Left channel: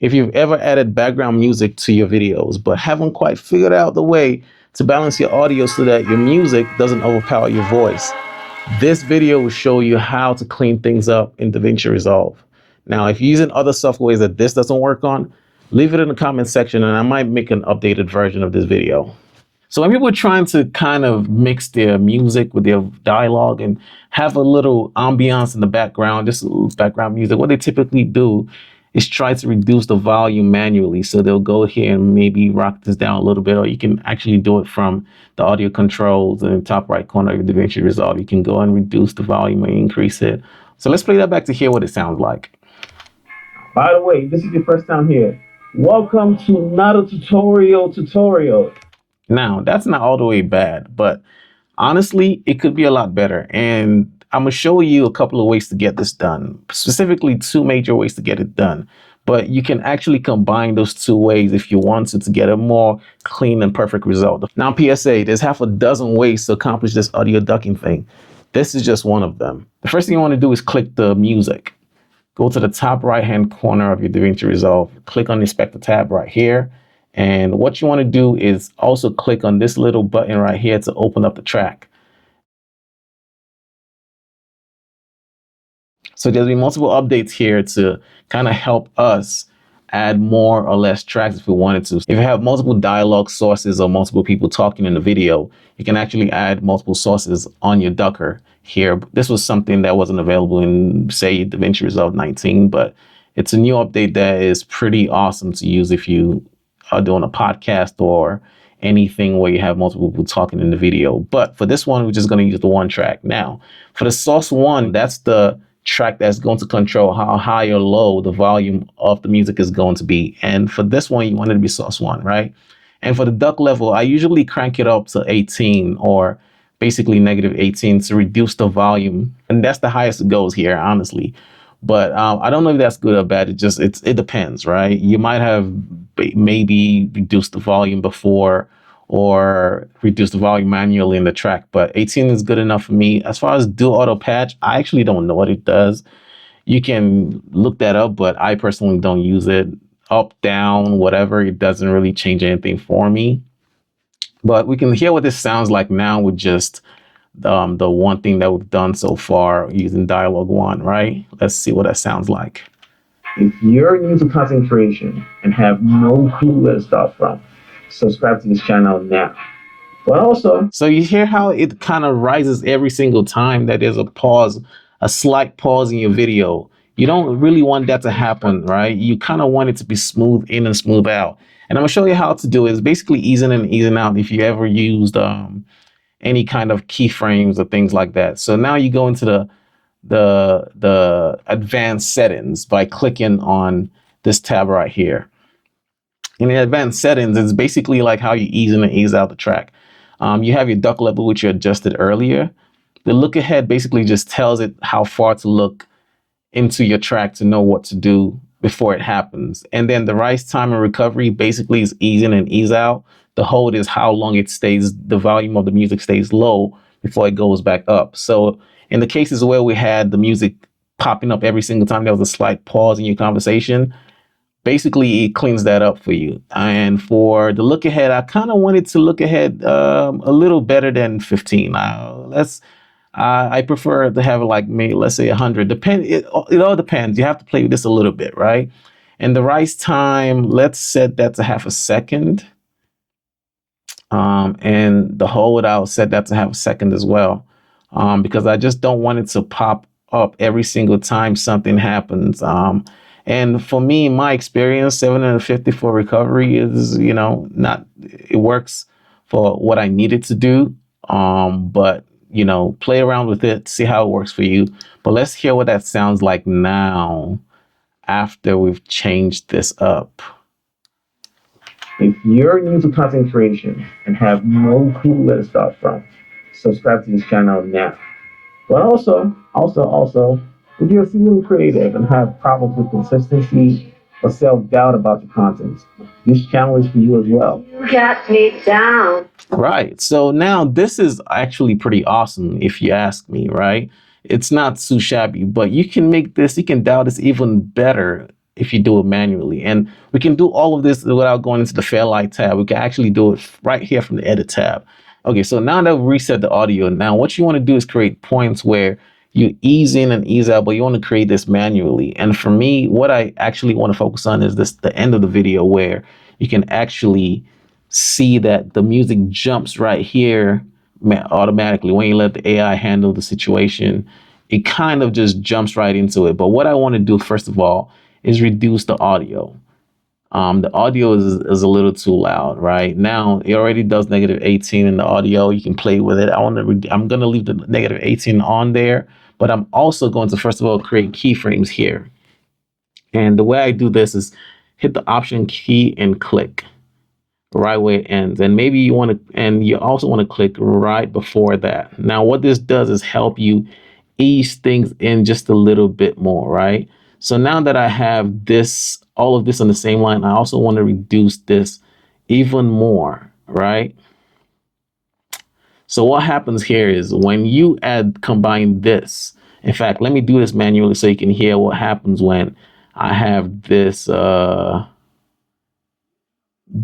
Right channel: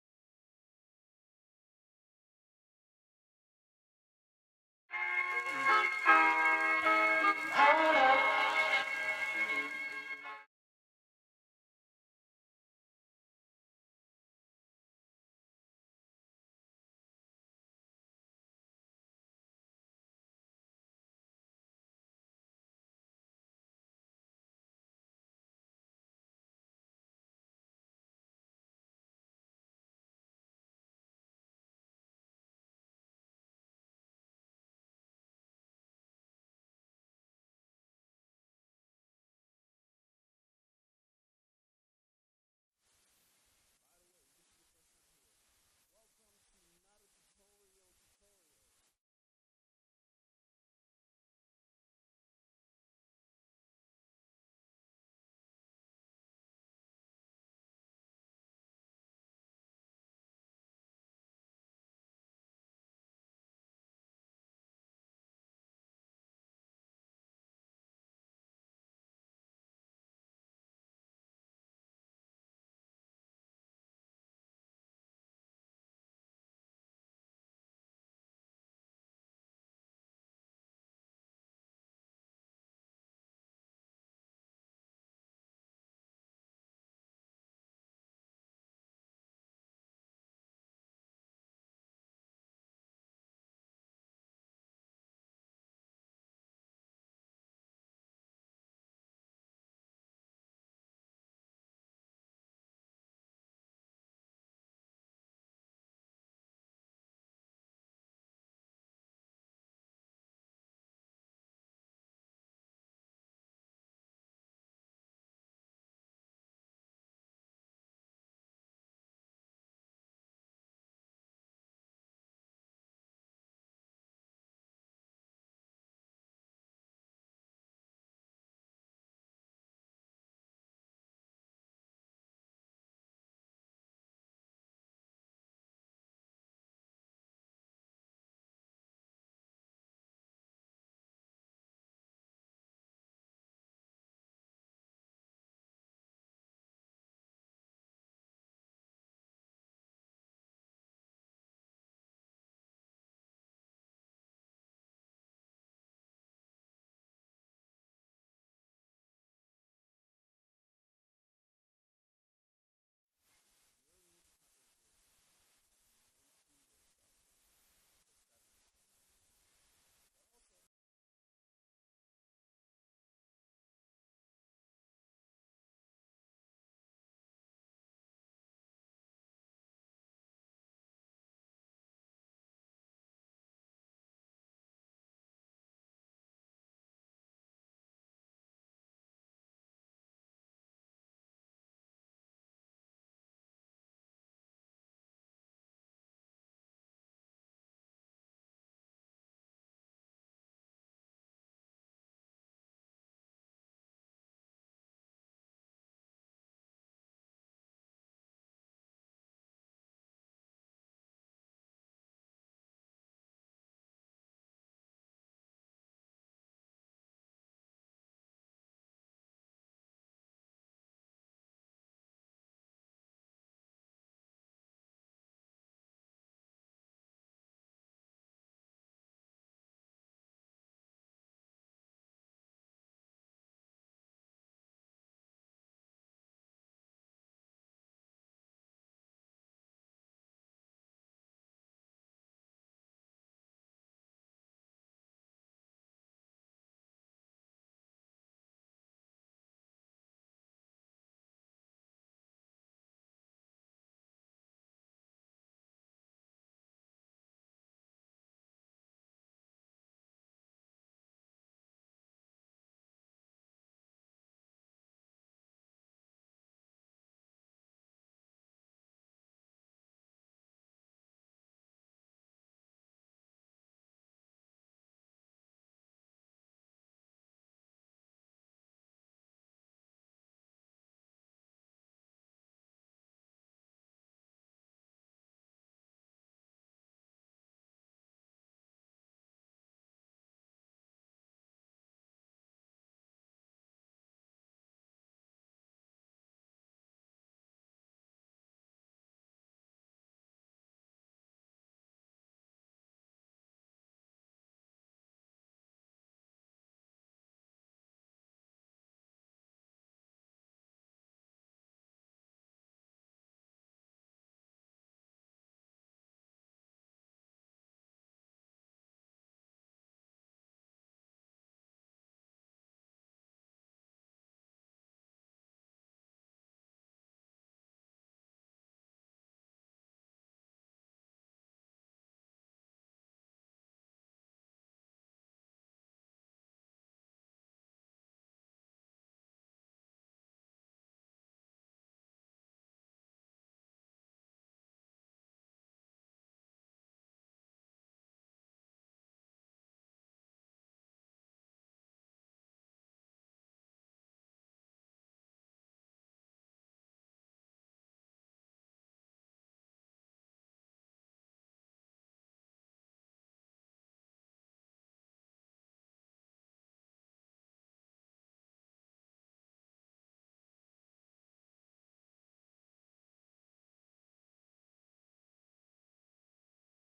If you've ever added background music to your videos, but haven't quite figured out the way to balance your audio so that your music doesn't overpower your voice, this video will show you how to clean things up in DaVinci Resolve. Now, if you're using other softwares that this doesn't work on, leave it in the comment section and I might make an updated version of this video. So when people are trying to kind of mix their music with their dialogue and have a little ambiance in the background, just a little background music, what they typically do is try to reduce the volume manually. So they'll go here and maybe rock this down a little bit, or you can actually do it from the audio controls in the top right corner of your DaVinci Resolve. You can go and reduce the volume and increase it. So let's play that back to hear what it sounds like. By the way, this is your first time here. Welcome to Not a Tutorial. Now, that's not all the way bad, but honestly, it could be a lot better. And I'm gonna show you a couple of ways to get this done, specifically 2 major ways to get it done. But you can actually combine those 2 ways if you want to get a more clean and perfect result. Now, PSA, there's half a dozen ways to accomplish this audio ducking thing. This is just one of them. The first thing you want to do is click the music. Go to the top right-hand corner of your DaVinci Resolve, click on the Inspector tab right here. And what you want to do is also click on this little button right here to open up the track. So there'll be multiple updates here to kind of help us add more or less tracks if we wanted to. If you have multiple dialogue sources or multiple people talking in the video, you can actually add multiple sources on your ducker here. This was something that wasn't available in, say, DaVinci Resolve 19, but it's a new update that is pretty awesome to use if you are doing a podcast or anything where you have multiple people talking in the video. But for this one, we're just going to use the 1 track. Now, for the source 1, that's the track that's going to control how high or low the volume of the music is going to be. And for this one, you want it to be source 1, right? And for the duck level, I usually crank it up to 18 or basically -18 to reduce the volume. And that's the highest it goes here, honestly. But I don't know if that's good or bad. It depends, right? You might have maybe reduced the volume before or reduce the volume manually in the track, but 18 is good enough for me. As far as do auto patch, I actually don't know what it does. You can look that up, but I personally don't use it. Up, down, whatever, it doesn't really change anything for me. But we can hear what this sounds like now with just the one thing that we've done so far using dialogue 1, right? Let's see what that sounds like. If you're new to content creation and have no clue where to start from, subscribe to this channel now. But also, so you hear how it kind of rises every single time that there's a pause, a slight pause in your video. You don't really want that to happen, right? You kind of want it to be smooth in and smooth out. And I'm gonna show you how to do it. It's basically easing in and easing out if you ever used any kind of keyframes or things like that. So now you go into the advanced settings by clicking on this tab right here. In the advanced settings, it's basically like how you ease in and ease out the track. You have your duck level, which you adjusted earlier. The look ahead basically just tells it how far to look into your track to know what to do before it happens. And then the rise time and recovery basically is ease in and ease out. The hold is how long it stays, the volume of the music stays low before it goes back up. So in the cases where we had the music popping up every single time there was a slight pause in your conversation, basically it cleans that up for you. And for the look ahead, I kind of wanted to look ahead a little better than 15. I prefer to have like maybe, let's say 100. It all depends. You have to play with this a little bit, right? And the rise time, let's set that to half a second. And the hold, I'll set that to half a second as well, because I just don't want it to pop up every single time something happens. And for me, my experience, 750 for recovery is, it works for what I need it to do. But, play around with it, see how it works for you. But let's hear what that sounds like now after we've changed this up. If you're new to content creation and have no clue where to start from, subscribe to this channel now. But also, if you're feeling creative and have problems with consistency or self-doubt about your content, this channel is for you as well. You got me down. Right. So now this is actually pretty awesome if you ask me, right? It's not too shabby, but you can make this, you can dial this even better if you do it manually. And we can do all of this without going into the Fairlight tab. We can actually do it right here from the Edit tab. Okay, so now that we reset the audio, now what you want to do is create points where you ease in and ease out, but you want to create this manually. And for me, what I actually want to focus on is this, the end of the video, where you can actually see that the music jumps right here automatically. When you let the AI handle the situation, it kind of just jumps right into it. But what I want to do, first of all, is reduce the audio. The audio is a little too loud right now. It already does -18 in the audio. You can play with it. I'm going to leave the -18 on there, but I'm also going to, first of all, create keyframes here. And the way I do this is hit the Option key and click right where it ends. And maybe you want to, and you also want to click right before that. Now, what this does is help you ease things in just a little bit more, right? So now that I have this, all of this on the same line, I also want to reduce this even more, right? So what happens here is when you combine this, in fact, let me do this manually so you can hear what happens when I have this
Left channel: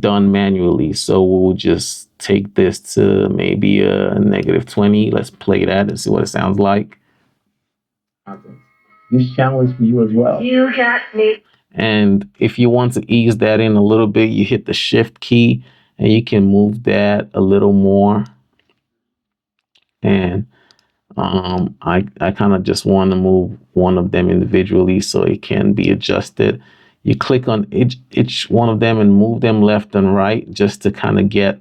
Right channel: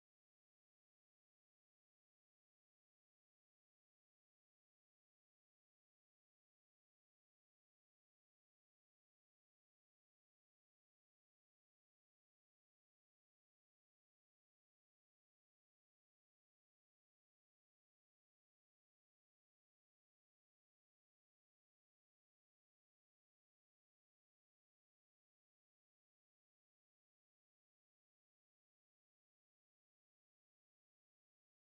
done manually. So we'll just take this to maybe a -20. Let's play that and see what it sounds like. This channel is for you as well. You got me. And if you want to ease that in a little bit, you hit the Shift key and you can move that a little more. And I kind of just want to move one of them individually so it can be adjusted. You click on each one of them and move them left and right just to kind of get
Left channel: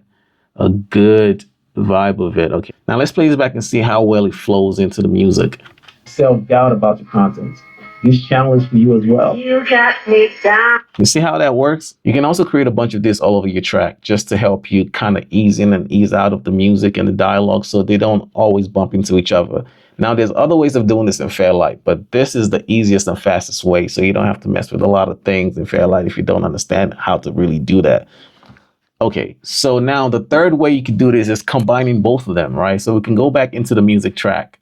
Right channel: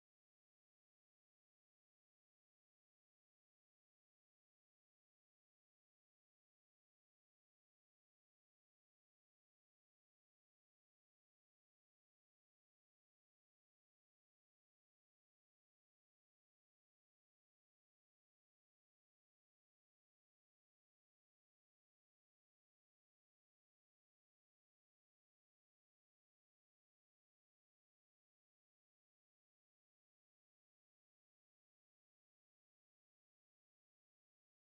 a good vibe of it. Okay, now let's play this back and see how well it flows into the music. Self-doubt about your content. This channel is for you as well. You got me down. You see how that works? You can also create a bunch of this all over your track just to help you kind of ease in and ease out of the music and the dialogue so they don't always bump into each other. Now, there's other ways of doing this in Fairlight, but this is the easiest and fastest way, so you don't have to mess with a lot of things in Fairlight if you don't understand how to really do that. Okay, so now the third way you can do this is combining both of them, right? So we can go back into the music track.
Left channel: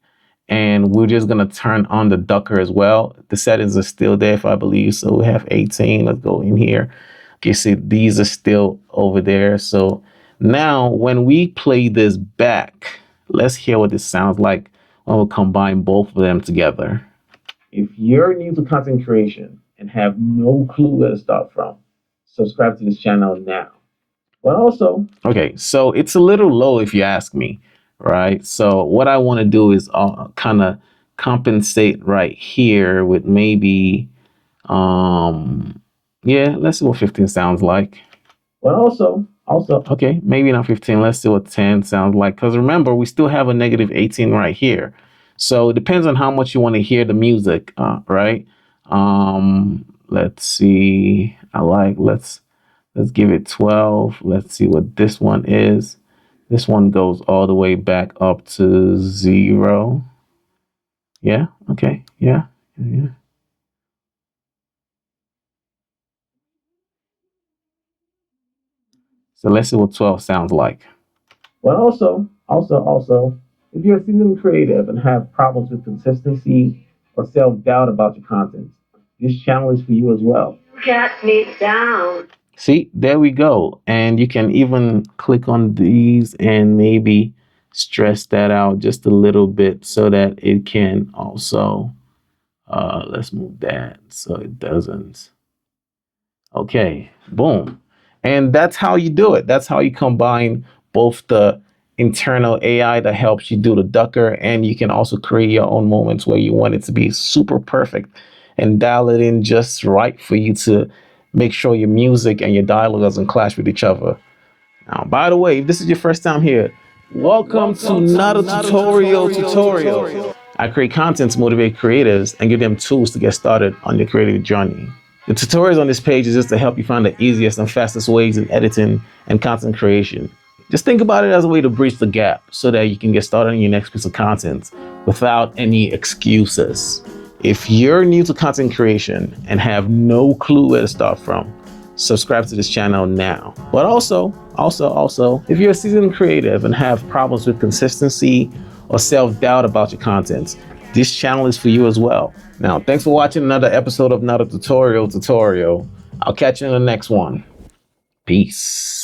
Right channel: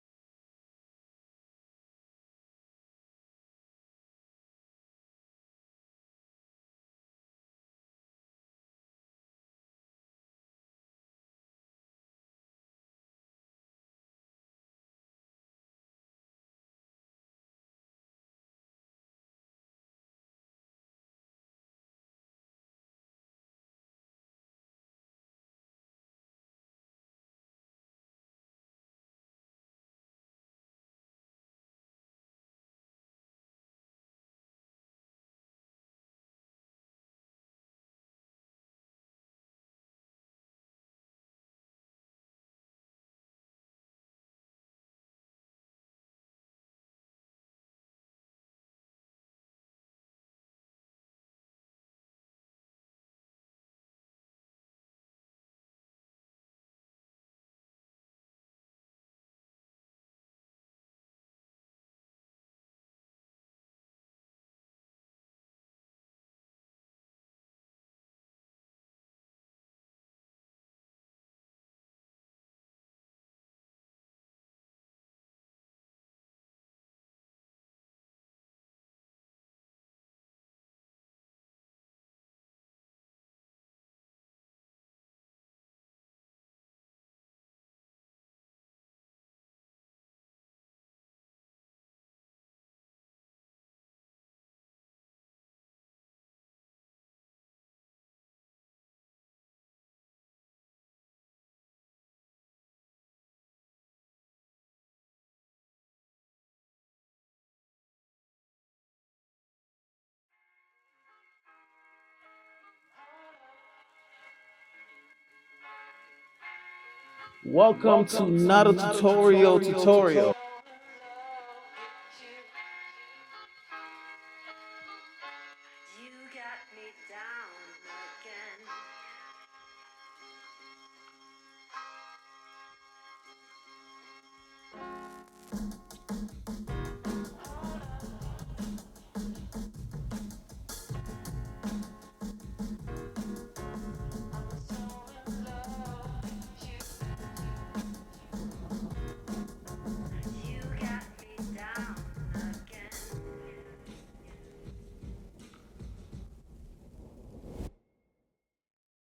And we're just going to turn on the ducker as well. The settings are still there, if I believe. So we have 18. Let's go in here. Okay, see, these are still over there. So now when we play this back, let's hear what this sounds like when we combine both of them together. If you're new to content creation and have no clue where to start from, subscribe to this channel now. But also, okay, so it's a little low if you ask me. Right, so what I want to do is kind of compensate right here with maybe, yeah, let's see what 15 sounds like. But also, okay, maybe not 15. Let's see what 10 sounds like. Because remember, we still have a -18 right here. So it depends on how much you want to hear the music, right? Let's see. Let's give it 12. Let's see what this one is. This one goes all the way back up to 0. Yeah, okay, yeah. So let's see what 12 sounds like. Well, also, if you're a seasoned creative and have problems with consistency or self-doubt about your content, this channel is for you as well. Got me down. See, there we go. And you can even click on these and maybe stress that out just a little bit so that it can also, let's move that so it doesn't. Okay, boom. And that's how you do it. That's how you combine both the internal AI that helps you do the ducker, and you can also create your own moments where you want it to be super perfect and dial it in just right for you to make sure your music and your dialogue doesn't clash with each other. Now, by the way, if this is your first time here, welcome to Not a Tutorial. I create content to motivate creatives and give them tools to get started on your creative journey. The tutorials on this page is just to help you find the easiest and fastest ways in editing and content creation. Just think about it as a way to bridge the gap so that you can get started on your next piece of content without any excuses. If you're new to content creation and have no clue where to start from, subscribe to this channel now. But also, if you're a seasoned creative and have problems with consistency or self-doubt about your content, this channel is for you as well. Now, thanks for watching another episode of Not a Tutorial. I'll catch you in the next one. Peace.